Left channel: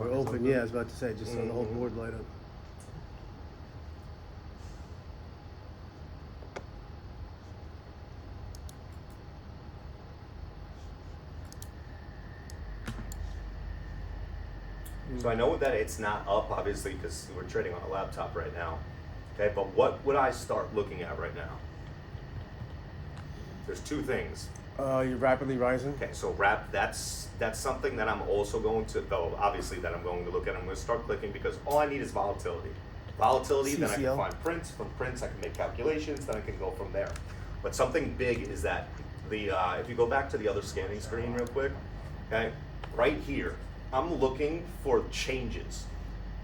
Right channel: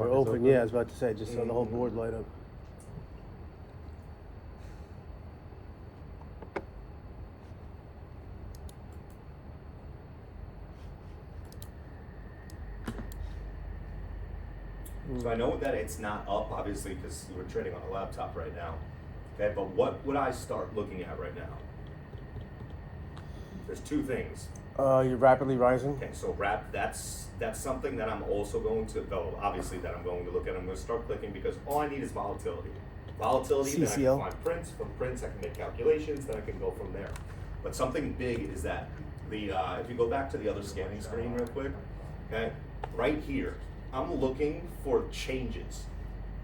We're market's open, yeah, I was about to say, just so the whole board light up. So I know that it's not up, obviously, because we're trading on a laptop right now. Okay, but what would I start looking at right now? There's two things. You're rapidly rising. Okay, so that's something that I'm also going to, though obviously that I'm going to look at. I'm going to start clicking because all I need is volatility. Volatility, then I can CCL. find prints. From prints, I can make calculations. Then I can go from there. But something big is that if you go back to the other scanning screen real quick, okay, right here, I'm looking for changes.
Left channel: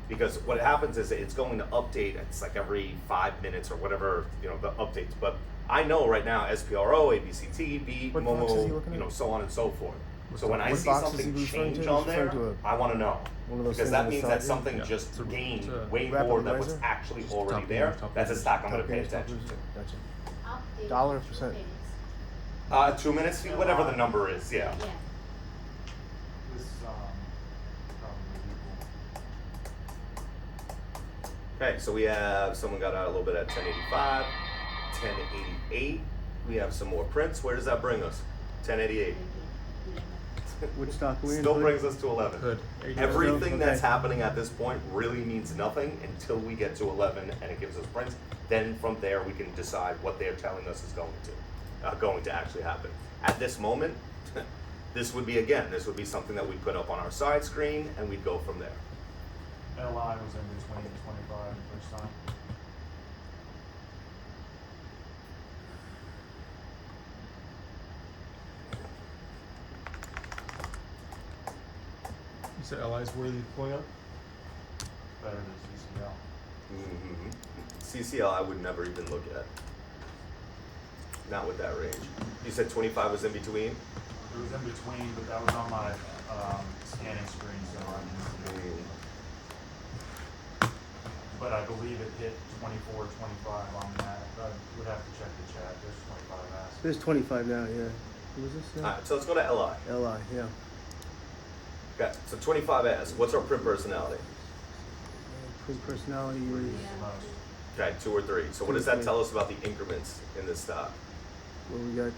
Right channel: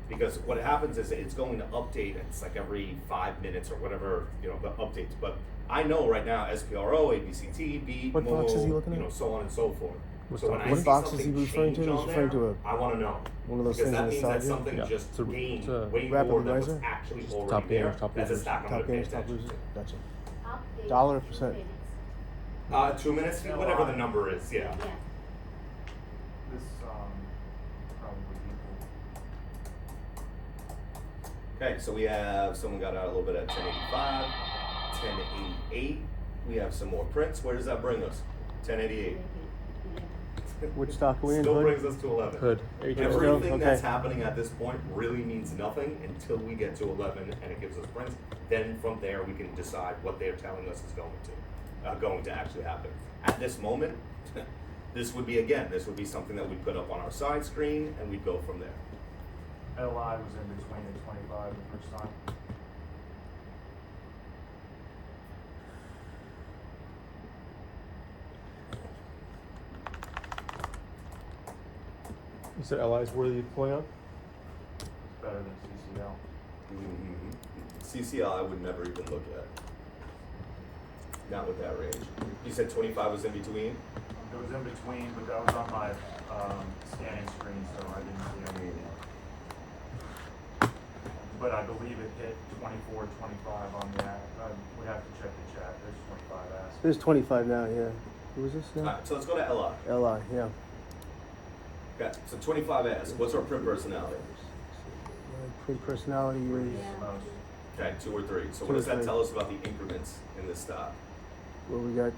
Because what happens is it's going to update. It's like every 5 minutes or whatever, the updates. But I know right now SPRO, ABCT, B, What box is he Momo, looking at? so on and so forth. So when I What see box is he something referring change to? on He's referring there, to I want to know. one of those Because things that on the means side that here? something Yeah. just It's a- gained it's a way rapid more than riser? what's actually Just already top there. gainer, top That's a gainer. stock I'm going to pay Top attention loser. to. Gotcha. Dollar percent. 2 minutes, whatever the number is, yeah. This, probably Okay, so we have someone got out a little bit at 1085, 1088. We have some more prints. Where does that bring us? 1088. Which stock are we in? Still Hood? brings us to 11. Hood. Everything Okay. that's happening at this point really means nothing until we get to 11 and it gives us prints. Then from there we can decide what they're telling us is going to actually happen. At this moment, this would be something that we'd put up on our side screen and we'd go from there. LI was in between the 25 and each side. You said LI's where are you pulling up? Better than CCL. CCL I would never even look at. Not with that range. You said 25 was in between? It was in between, but that was on my scanning screen, so I didn't see it. But I believe it hit 24, 25 on that. I would have to check the chat. There's 25 asked. There's 25 now, yeah. Who was this now? Alright, so let's go to LI. LI, yeah. Okay, so 25 as. What's our print personality? Print personality is Okay, 2 or 3. So what does that tell us about the increments in this stock? what we got.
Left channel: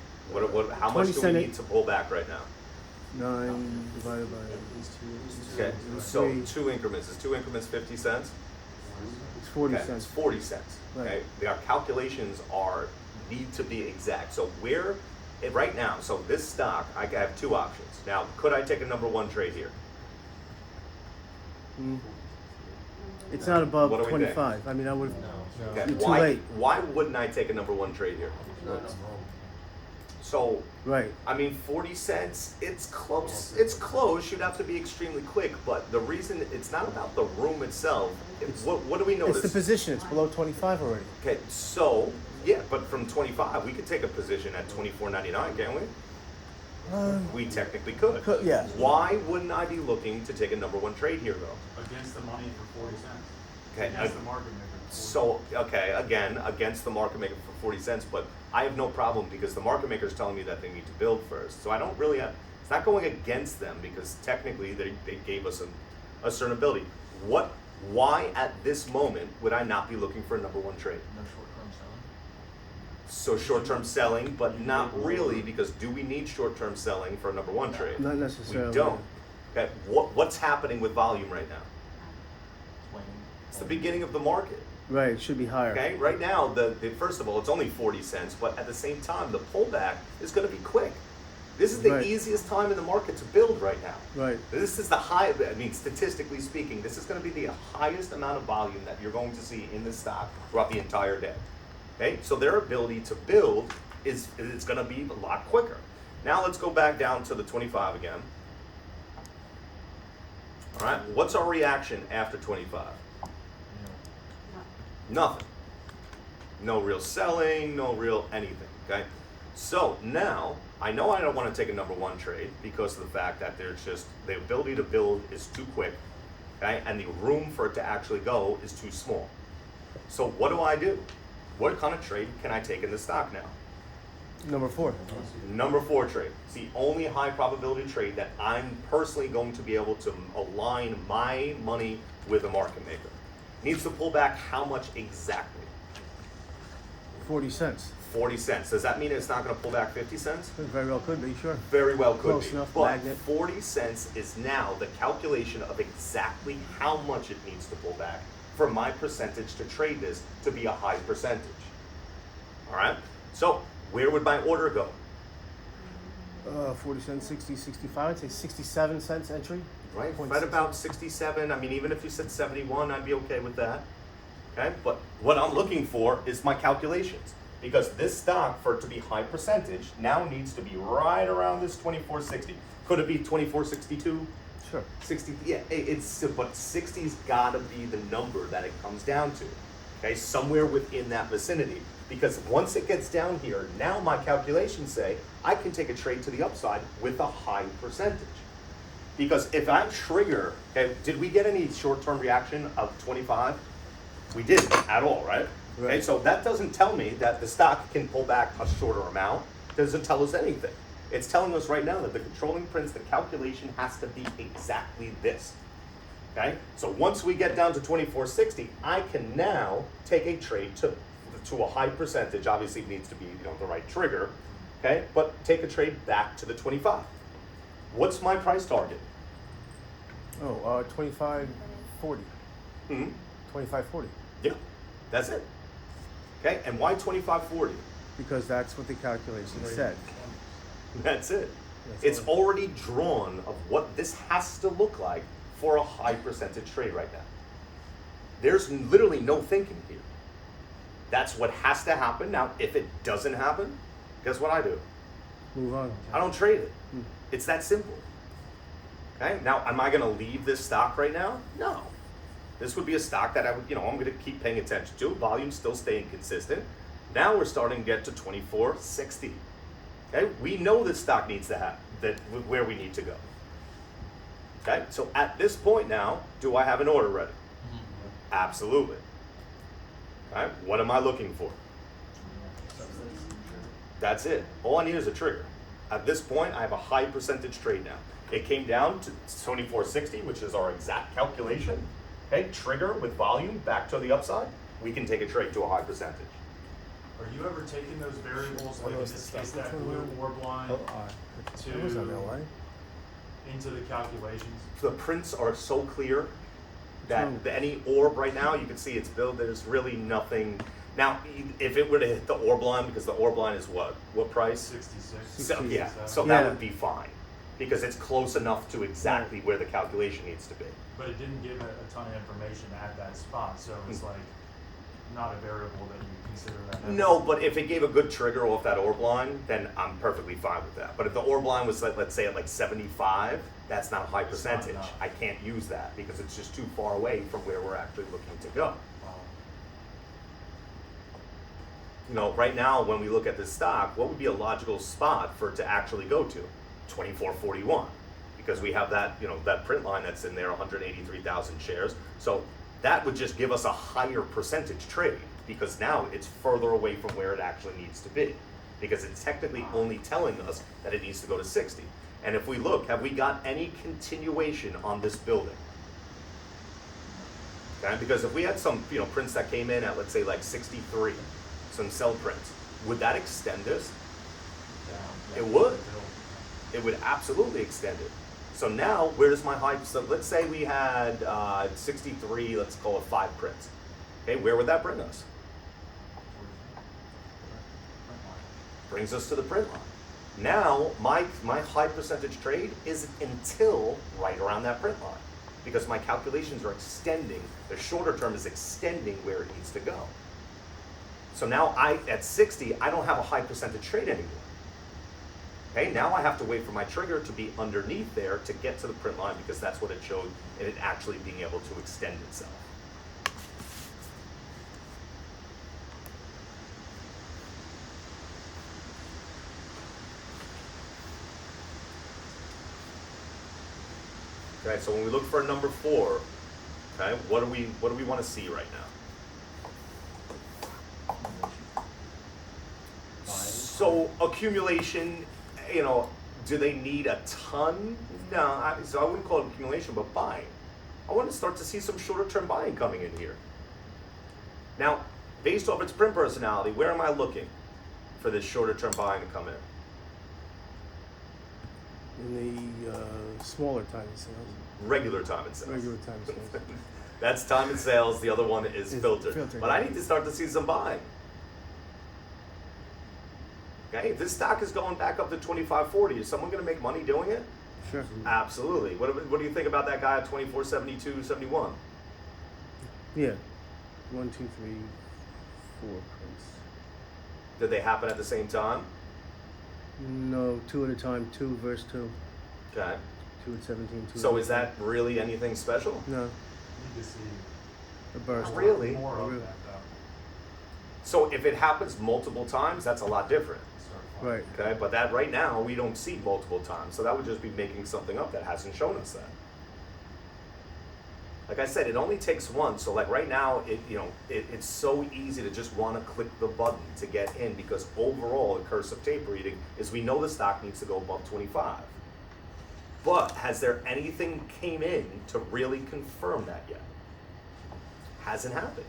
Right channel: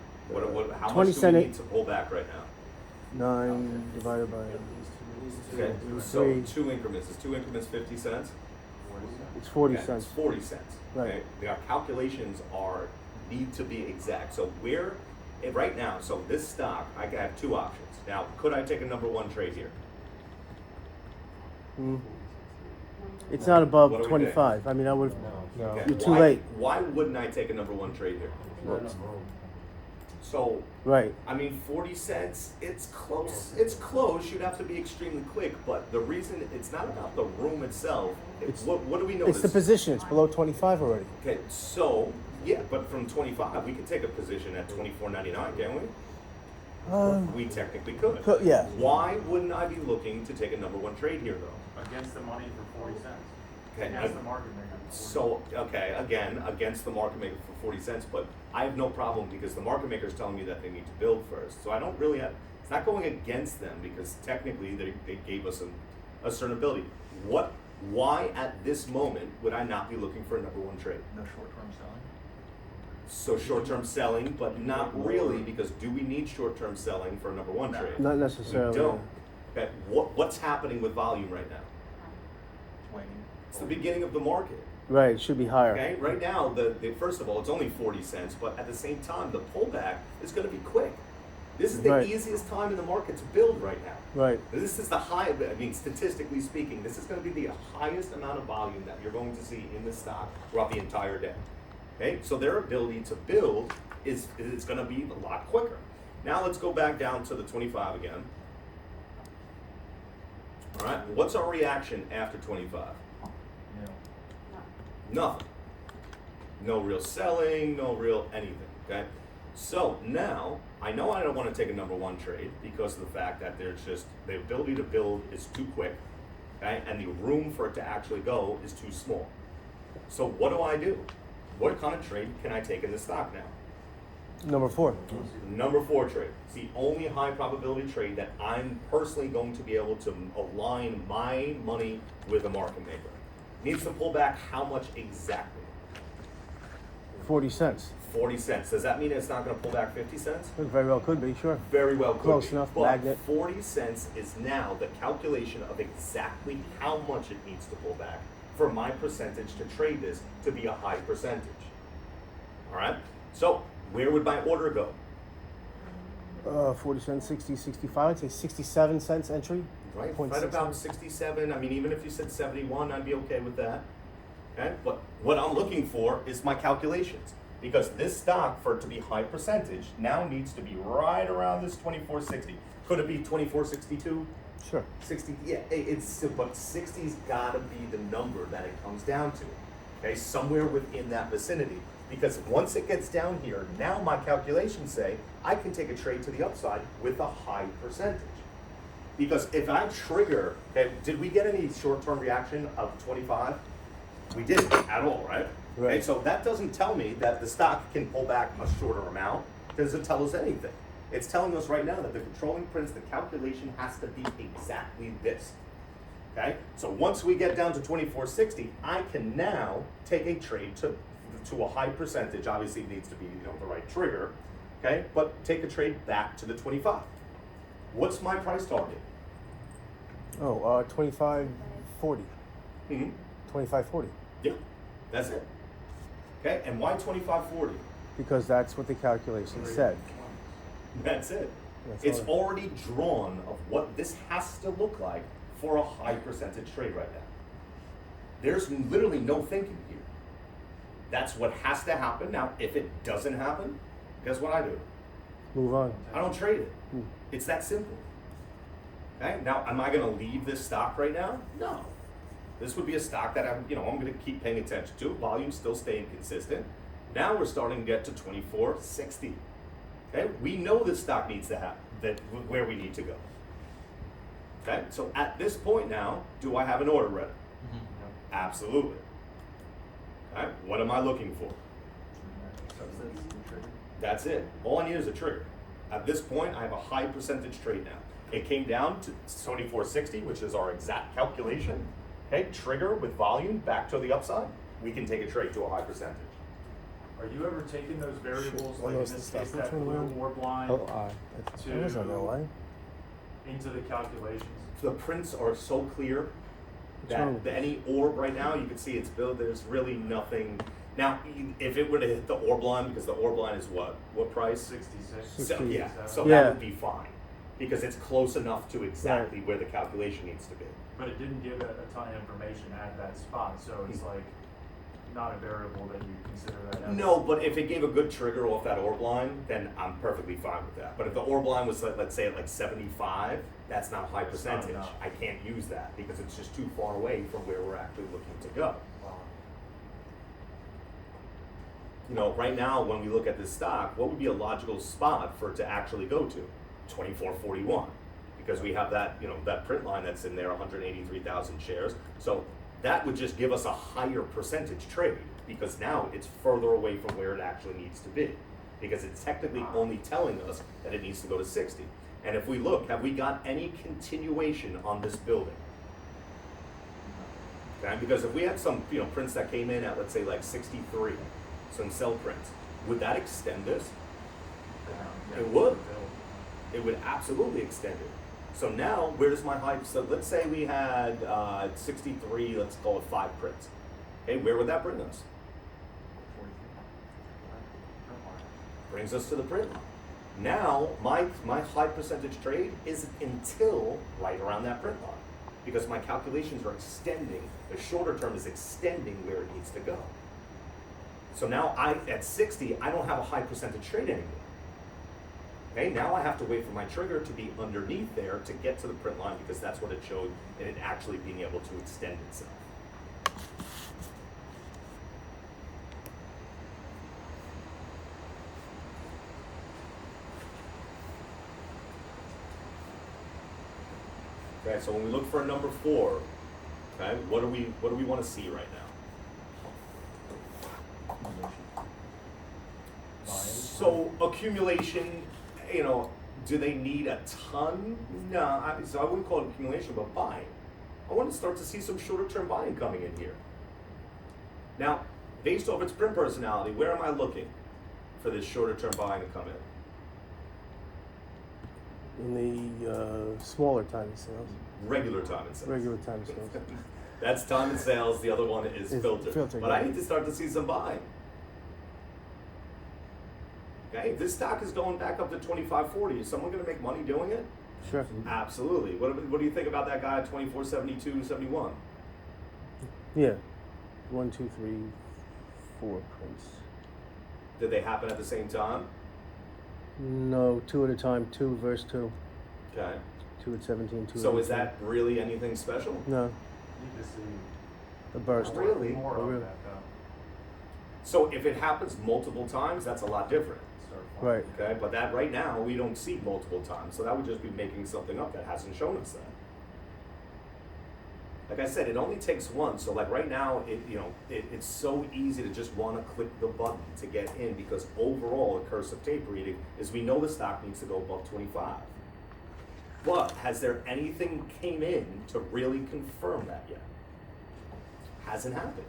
How 20 much do we cent need to pull back right now? 9 divided by Okay, so 2 increments. Is 2 increments 50 cents? it's 40 Okay, cents. It's 40 cents. Okay, our calculations need to be exact. So right now, so this stock, I have 2 options. Now, could I take a number 1 trade here? It's not above What do we 25. I mean, I would. No. Okay, You're too late. Why wouldn't I take a number 1 trade here? So, Right. I mean, 40 cents, it's close. It's close. You'd have to be extremely quick. But the reason it's not about the room itself. What do we notice? It's the position. It's below 25 already. Okay, so, yeah, but from 25, we could take a position at 24.99, can't we? We technically could. Yeah. Why wouldn't I be looking to take a number 1 trade here, though? Against the money for 40 cents. Okay, Against the market maker. So, okay, again, against the market maker for 40 cents, but I have no problem because the market maker is telling me that they need to build first. So I don't really have, it's not going against them because technically they gave us a certain ability. Why at this moment would I not be looking for a number 1 trade? No short-term selling. So short-term selling, but not really, because do we need short-term selling for a number 1 trade? Not necessarily. We don't. Okay, what's happening with volume right now? Waning. It's the beginning of the market. Right. It should be higher. Okay, right now, first of all, it's only 40 cents, but at the same time, the pullback is going to be quick. This is the Right. easiest time in the market to build right now. Right. This is statistically speaking, this is going to be the highest amount of volume that you're going to see in this stock throughout the entire day. Okay, so their ability to build is going to be a lot quicker. Now let's go back down to the 25 again. All right, what's our reaction after 25? Nothing. No real selling, no real anything, okay? So now, I know I don't want to take a number 1 trade because of the fact that there's just, the ability to build is too quick, okay? And the room for it to actually go is too small. So what do? What kind of trade can I take in the stock now? Number 4. Number 4 trade. It's the only high probability trade that I'm personally going to be able to align my money with a market maker. Needs to pull back how much exactly? 40 cents. 40 cents. Does that mean it's not going to pull back 50 cents? It very well could be, sure. Very well could Close be. enough, But magnet. 40 cents is now the calculation of exactly how much it needs to pull back for my percentage to trade this to be a high percentage. All right? So, where would my order go? 40 cents, 60, 65. I'd say 67 cents entry. Right, Point right six about seven. 67. I mean, even if you said 71, I'd be okay with that. Okay, but what I'm looking for is my calculations. Because this stock, for it to be high percentage, now needs to be right around this 24.60. Could it be 24.62? Sure. 60, yeah, but 60's gotta be the number that it comes down to. Okay, somewhere within that vicinity. Because once it gets down here, now my calculations say I can take a trade to the upside with a high percentage. Because if I trigger, okay, did we get any short-term reaction of 25? We didn't at all, right? Okay, Right. so that doesn't tell me that the stock can pull back a shorter amount. It doesn't tell us anything. It's telling us right now that the controlling prints, the calculation has to be exactly this. Okay, so once we get down to 24.60, I can now take a trade to a high percentage. Obviously, it needs to be the right trigger. Okay, but take a trade back to the 25. What's my price target? 25.40. Hmm. 25.40. Yeah, that's it. Okay, and why 25.40? Because that's what the calculation said. That's it. That's It's all. already drawn of what this has to look like for a high percentage trade right now. There's literally no thinking here. That's what has to happen. Now, if it doesn't happen, guess what I do? Move on. I don't trade it. Hmm. It's that simple. Okay, now am I gonna leave this stock right now? No. This would be a stock that I'm gonna keep paying attention to. Volume still staying consistent. Now we're starting to get to 24.60. Okay, we know this stock needs to have that where we need to go. Okay, so at this point now, do I have an order ready? Absolutely. All right, what am I looking for? That's it. All I need is a trigger. At this point, I have a high percentage trade now. It came down to 24.60, which is our exact calculation. Okay, trigger with volume back to the upside. We can take a trade to a high percentage. Are you ever taking those variables, Shit, like in what this is case, that? that blue or blind, It was on the line. into the calculations? The prints are so clear that wrong? any orb right now, you can see it's built. There's really nothing. Now, if it were to hit the orb line, because the orb line is what price? 66. So, yeah, so Yeah. that would be fine because it's close enough to exactly where the calculation needs to be. But it didn't give a ton of information at that spot, so it's like not a variable that you consider that. No, but if it gave a good trigger off that orb line, then I'm perfectly fine with that. But if the orb line was, let's say, at like 75, that's not a high It's not percentage. enough. I can't use that because it's just too far away from where we're actually looking to go. Right now, when we look at this stock, what would be a logical spot for it to actually go to? 24.41, because we have that, that print line that's in there, 183,000 shares. So that would just give us a higher percentage trade because now it's further away from where it actually needs to be because it's technically only telling us that it needs to go to 60. And if we look, have we got any continuation on this building? Okay, because if we had some, prints that came in at, let's say, like 63, some sell prints, would that extend this? It would. It would absolutely extend it. So now, where does my high? So let's say we had 63, let's call it 5 prints. Okay, where would that bring us? Brings us to the print line. Now, my high percentage trade is until right around that print line because my calculations are extending. The shorter term is extending where it needs to go. So now at 60, I don't have a high percentage trade anymore. Okay, now I have to wait for my trigger to be underneath there to get to the print line because that's what it showed in it actually being able to extend itself. Okay, so when we look for a number 4, okay, what do we want to see right now? So accumulation, you know, do they need a ton? No, so I wouldn't call it accumulation, but buying. I want to start to see some shorter term buying coming in here. Now, based off its print personality, where am I looking for this shorter term buying to come in? In the smaller time sales, Regular time and sales. regular time sales. That's time and sales. The other one is Is filtered. filtered, But I yeah. need to start to see some buying. Okay, if this stock is going back up to 25.40, is someone going to make money doing it? Sure. Absolutely. What do you think about that guy at 24.72.71? Yeah. 1, 2, 3, 4 prints. Did they happen at the same time? No, 2 at a time. 2 verse 2. Okay. 2 at 17. 2 So at is that really anything special? No, Need to see a burst. Really? more Oh, of really? that though. So if it happens multiple times, that's a lot different. So Right. Okay, but that right now we don't see multiple times, so that would just be making something up that hasn't shown us that. Like I said, it only takes one. So like right now, it's so easy to just want to click the button to get in because overall the curse of tape reading is we know the stock needs to go above 25. But has there anything came in to really confirm that yet? Hasn't happened.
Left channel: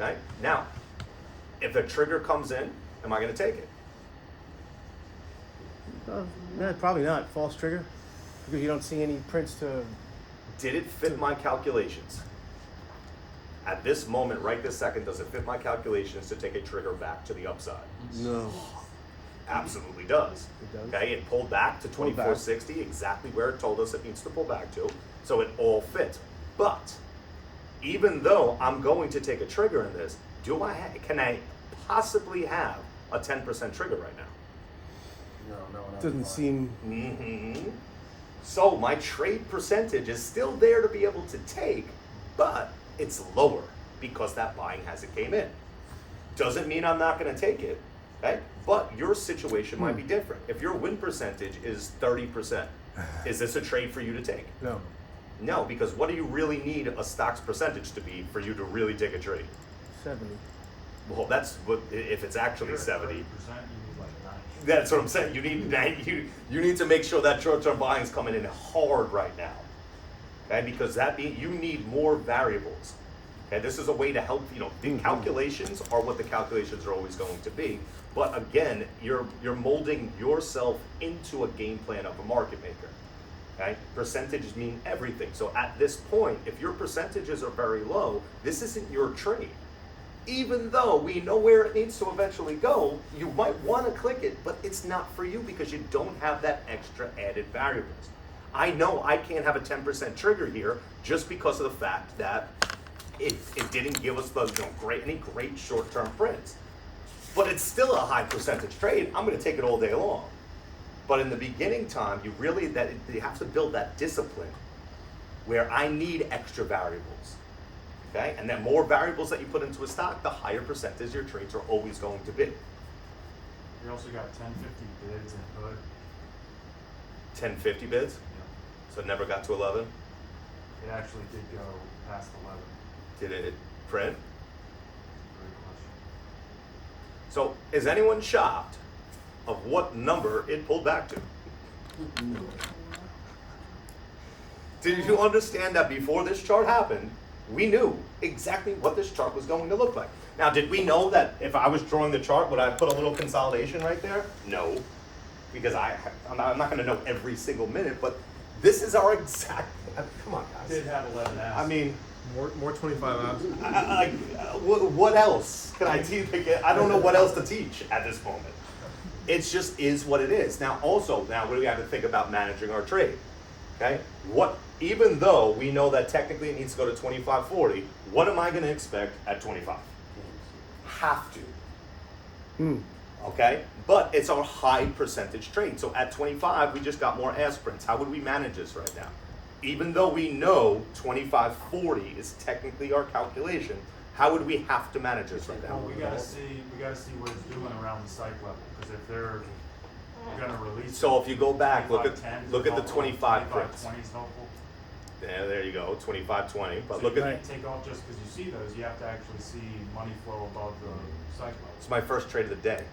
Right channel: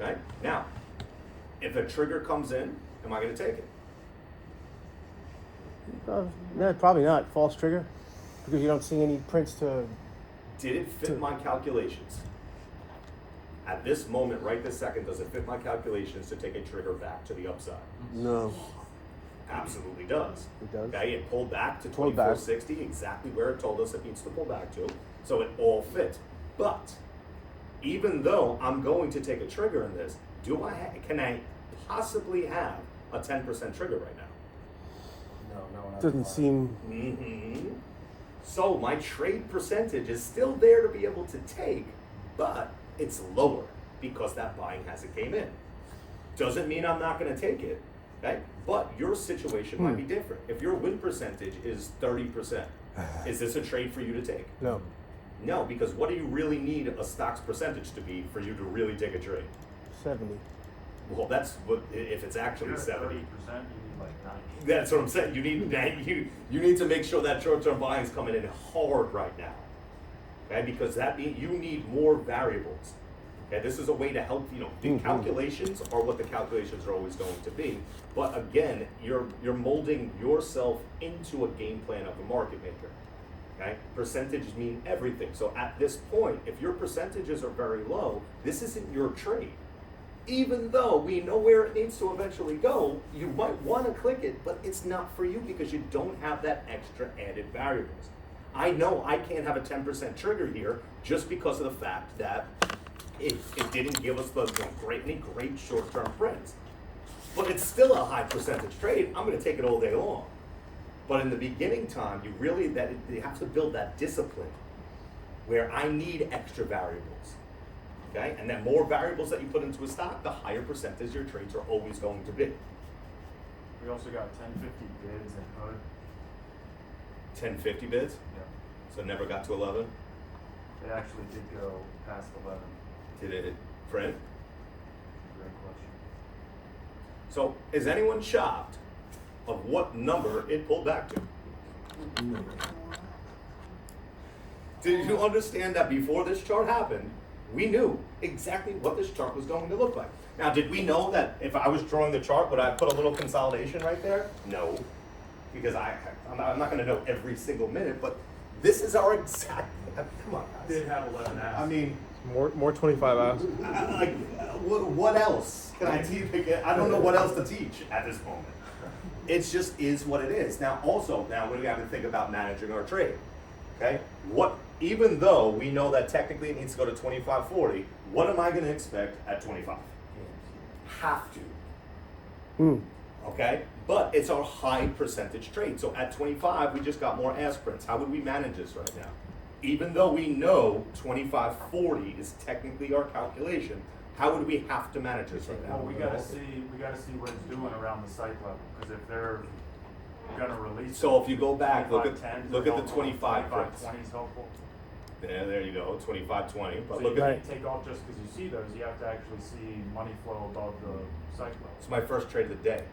Okay, now, if a trigger comes in, am I going to take it? No, probably not. False trigger. Because you don't see any prints to. Did it fit my calculations? At this moment, right this second, does it fit my calculations to take a trigger back to the upside? No. Absolutely does. It does. Okay, it pulled back to Pulled back. 24.60, exactly where it told us it needs to pull back to, so it all fits. But even though I'm going to take a trigger in this, can I possibly have a 10% trigger right now? Doesn't seem. Mm-hmm. So my trade percentage is still there to be able to take, but it's lower because that buying hasn't came in. Doesn't mean I'm not going to take it, right? But your situation might be different. If your win percentage is 30%, is this a trade for you to take? No. No, because what do you really need a stock's percentage to be for you to really take a trade? 70. Well, that's what if it's actually You're 70. 30%, you need like 90. That's what I'm saying. You need you need to make sure that short-term buying is coming in hard right now. Okay, because that means you need more variables. Okay, this is a way to help. The calculations are what the calculations are always going to be. But again, you're molding yourself into a game plan of a market maker. Okay, percentages mean everything. So at this point, if your percentages are very low, this isn't your trade. Even though we know where it needs to eventually go, you might want to click it, but it's not for you because you don't have that extra added variables. I know I can't have a 10% trigger here just because of the fact that it didn't give us any great short-term prints. But it's still a high percentage trade. I'm going to take it all day long. But in the beginning time, you have to build that discipline where I need extra variables. Okay, and then more variables that you put into a stock, the higher percentage your trades are always going to be. We also got 1050 bids and hood. 1050 bids, Yeah. so it never got to 11. It actually did go past 11. Did it print? Great question. So is anyone shocked of what number it pulled back to? Did you understand that before this chart happened, we knew exactly what this chart was going to look like? Now, did we know that if I was drawing the chart, would I put a little consolidation right there? No, because I'm not going to know every single minute, but this is our exact, come on guys. Did have 11 apps. I mean, More 25 hours. what else can I teach? I don't know what else to teach at this moment. It just is what it is. Now what do we have to think about managing our trade? Okay, even though we know that technically it needs to go to 25.40, what am I going to expect at 25? Have to. Okay, but it's our high percentage trade. So at 25, we just got more ass prints. How would we manage this right now? Even though we know 25.40 is technically our calculation, how would we have to manage this right now? Well, we gotta see what it's doing around the site level, because if they're gonna release. So if you go back, look at 25.10 the helpful, 25 prints. 25.20 is helpful. Yeah, there you go, 25-20. But So look you at can't take off just because you see those, you have to actually see money flow above the cycle. it's my first trade of the day.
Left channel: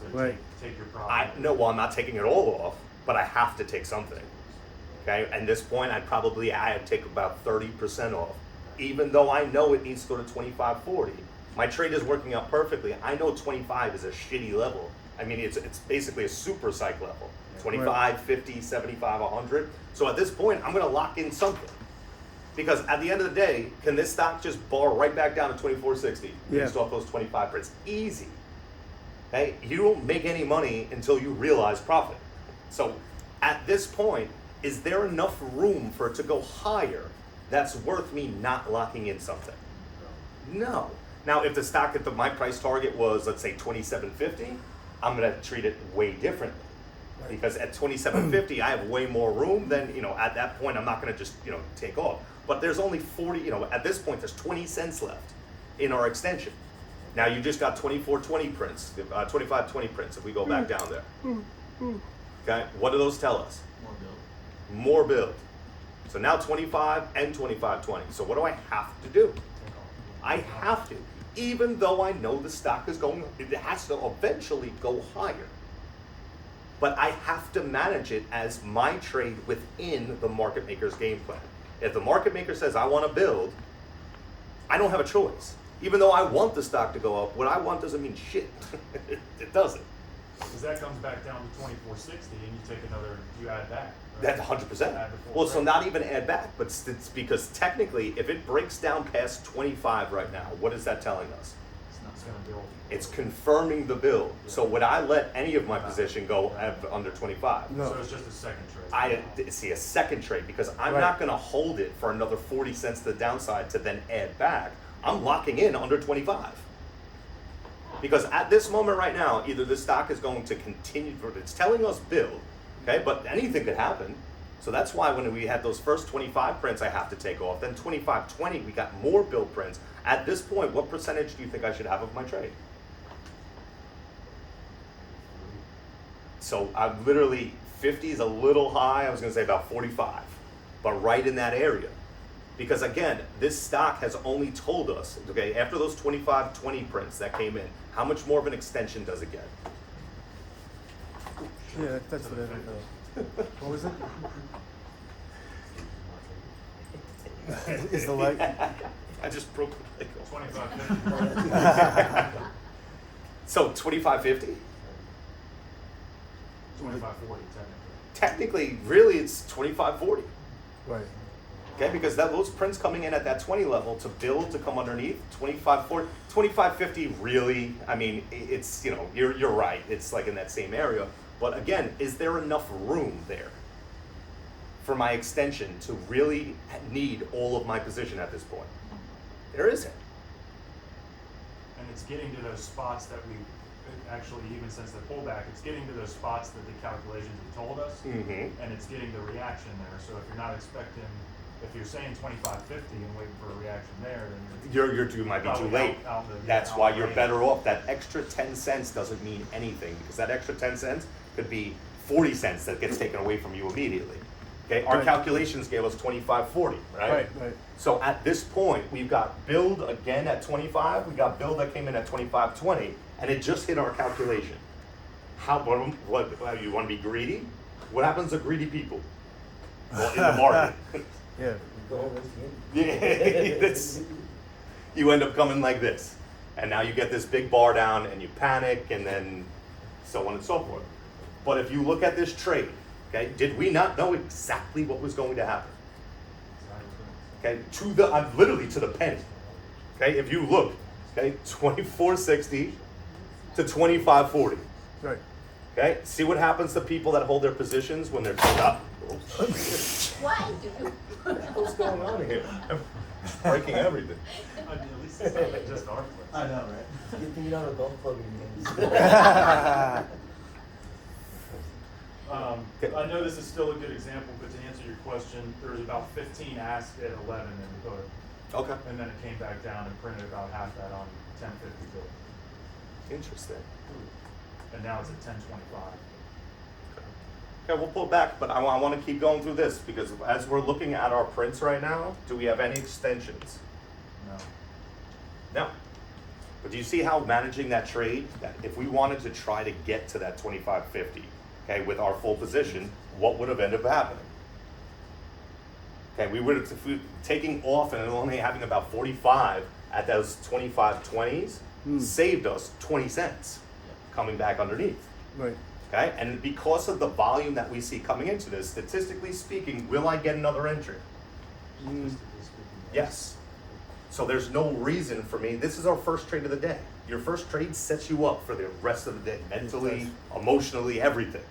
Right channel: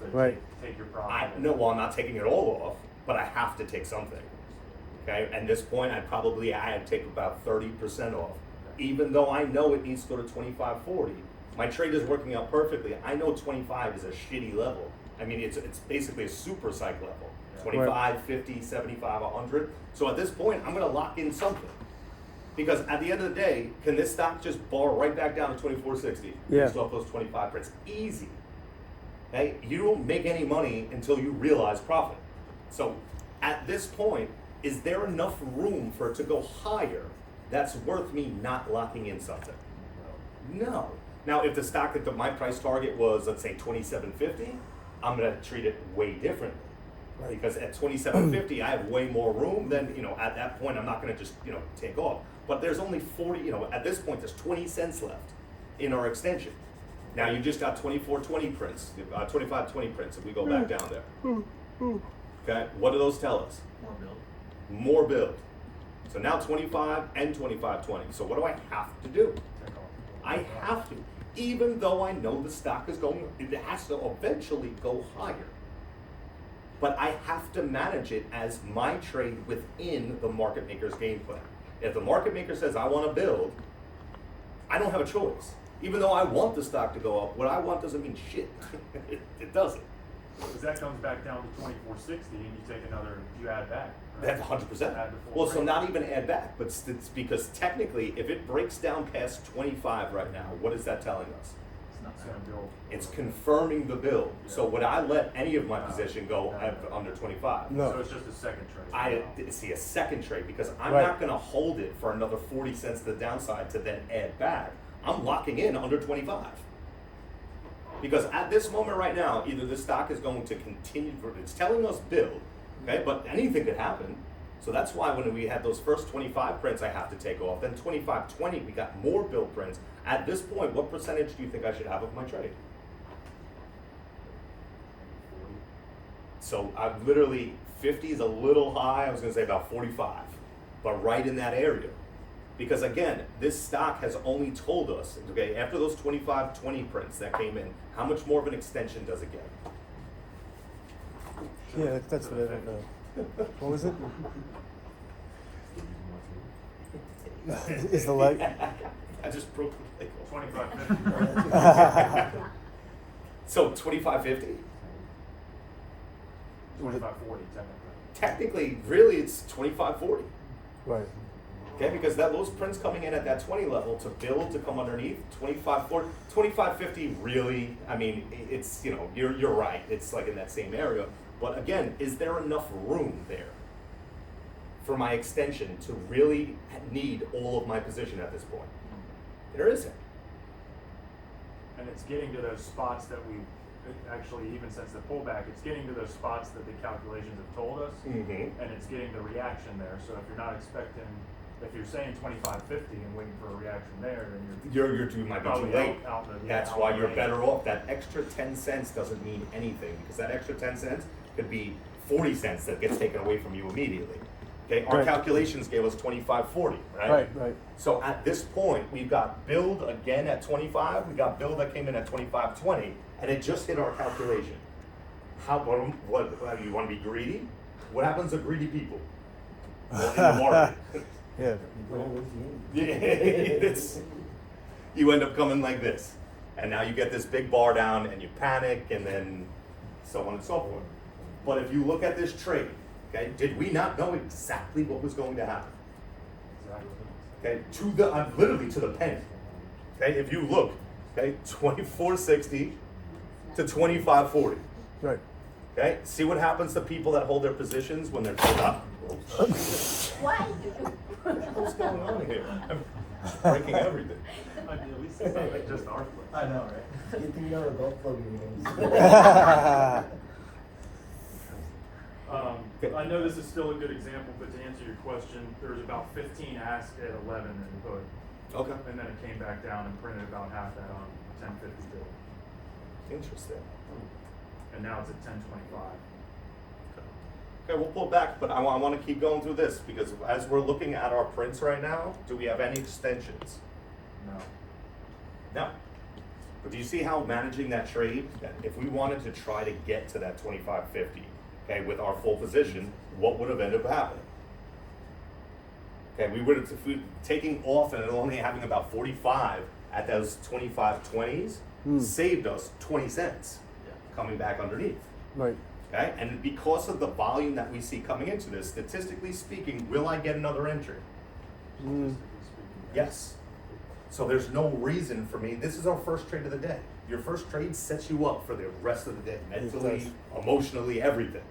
So Right. take your profit. Well, I'm not taking it all off, but I have to take something. Okay, at this point, I'd take about 30% off, even though I know it needs to go to 25-40. My trade is working out perfectly. I know 25 is a shitty level. I mean, it's basically a super psych level. 25, 50, 75, 100. So at this point, I'm gonna lock in something. Because at the end of the day, can this stock just bar right back down to 24.60 based off those 25 prints? Easy. Okay, you don't make any money until you realize profit. So at this point, is there enough room for it to go higher that's worth me not locking in something? No. Now, if the stock my price target was, let's say, 27.50, I'm gonna treat it way differently. Because at 27.50, I have way more room than, at that point, I'm not gonna just, take off. But there's only 40, at this point, there's 20 cents left in our extension. Now you just got 24.20 prints, 25.20 prints, if we go back down there. Okay, what do those tell us? More build. So now 25 and 25.20. So what do I have to do? I have to. Even though I know the stock is going, it has to eventually go higher. But I have to manage it as my trade within the market maker's game plan. If the market maker says, I want to build, I don't have a choice. Even though I want the stock to go up, what I want doesn't mean shit. It doesn't. Because that comes back down to 24.60 and you take another, you add that. That's 100%. Well, so not even add back, but it's because technically, if it breaks down past 25 right now, what is that telling us? It's going to build. It's confirming the build. So would I let any of my position go under 25? No. So it's just a second trade. I see a second trade because I'm Right. not going to hold it for another 40 cents to the downside to then add back. I'm locking in under 25. Because at this moment right now, either the stock is going to continue, it's telling us build, okay, but anything could happen. So that's why when we had those first 25 prints, I have to take off. Then 25.20, we got more build prints. At this point, what percentage do you think I should have of my trade? So I'm literally, 50 is a little high. I was going to say about 45, but right in that area. Because again, this stock has only told us, okay, after those 25.20 prints that came in, how much more of an extension does it get? Yeah, that's the what was it? Is the leg? I just broke the leg. 25.50. So 25.50? 25.40 technically. Technically, really, it's 25.40. Right. Okay, because those prints coming in at that 20 level to build to come underneath 25.40, 25.50 really. I mean, it's you're right. It's like in that same area. But again, is there enough room there for my extension to really need all of my position at this point? There isn't. And it's getting to those spots that we, actually even since the pullback, it's getting to those spots that the calculations have told us. Mm-hmm. And it's getting the reaction there. So if you're not expecting, if you're saying 25.50 and waiting for a reaction there, then You might be too probably late. out the- That's out why the you're range. better off. That extra 10 cents doesn't mean anything because that extra 10 cents could be 40 cents that gets taken away from you immediately. Okay, our Right. calculations gave us 25.40, right? Right. So at this point, we've got build again at 25. We got build that came in at 25.20, and it just hit our calculation. What you want to be greedy? What happens to greedy people? Well, in the market. Yeah. Yeah, you end up coming like this, and now you get this big bar down, and you panic, and then so on and so forth. But if you look at this trade, okay, did we not know exactly what was going to happen? Exactly. Okay, literally to the penny. Okay, if you look, okay, 24.60 to 25.40. Right. Okay, see what happens to people that hold their positions when they're told up. What's going on here? I'm breaking everything. At least it's not just our place. I know, right? You think you know how to belt plug in I know this is still a good example, but to answer your question, there was about 15 asked at 11 in the hood. Okay, And then it came back down and printed about half that on 10.50 bill. interesting. And now it's at 10.25. Okay, we'll pull back, but I want to keep going through this because as we're looking at our prints right now, do we have any extensions? No. No. But do you see how managing that trade, that if we wanted to try to get to that 25.50, okay, with our full position, what would have ended up happening? Okay, we would have, if we taking off and only having about 45 at those 25.20s, saved us 20 cents coming back underneath. Right. Okay, and because of the volume that we see coming into this, statistically speaking, will I get another entry? Yes. So there's no reason for me. This is our first trade of the day. Your first trade sets you up for the rest of the day, mentally, emotionally, everything.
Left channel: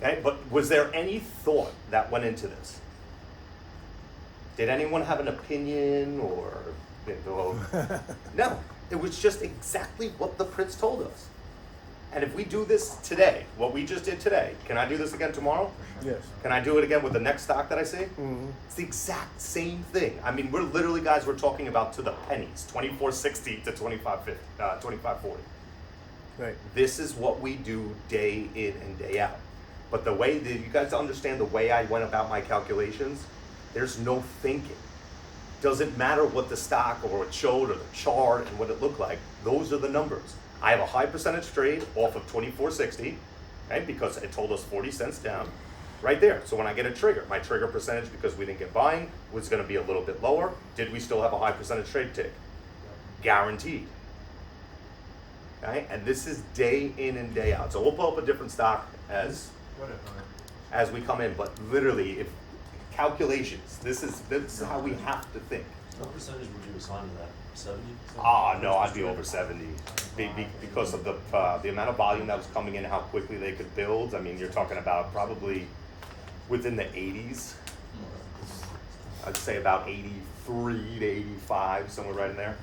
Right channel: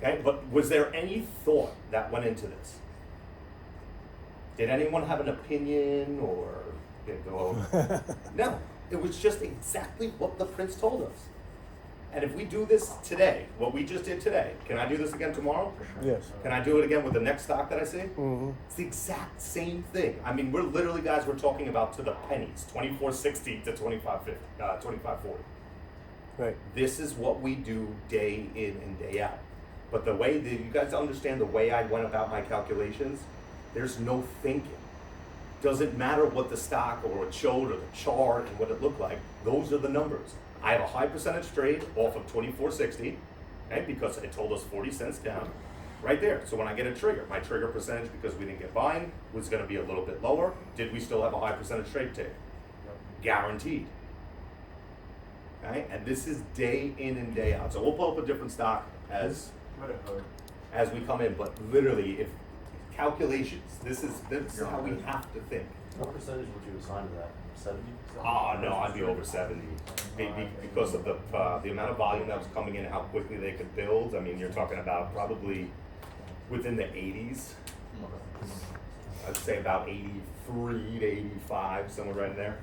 Okay, but was there any thought that went into this? Did anyone have an opinion or, no, it was just exactly what the prince told us. And if we do this today, what we just did today, can I do this again tomorrow? Yes. Can I do it again with the next stock that I see? Mm-hmm. It's the exact same thing. I mean, we're literally, guys, we're talking about to the pennies, 24.60 to 25.50, 25.40. Right. This is what we do day in and day out. But the way that you guys understand the way I went about my calculations, there's no thinking. Doesn't matter what the stock or what it showed or the chart and what it looked like. Those are the numbers. I have a high percentage trade off of 24.60, okay, because it told us 40 cents down, right there. So when I get a trigger, my trigger percentage, because we didn't get buying, was going to be a little bit lower. Did we still have a high percentage trade take? Guaranteed. Okay, and this is day in and day out. So we'll pull up a different stock as we come in, but literally, if calculations, this is how we have to think. What percentage would you assign to that? 70? Ah, no, I'd be over 70 because of the amount of volume that was coming in, how quickly they could build. I mean, you're talking about probably within the 80s. I'd say about 83 to 85, somewhere right in there.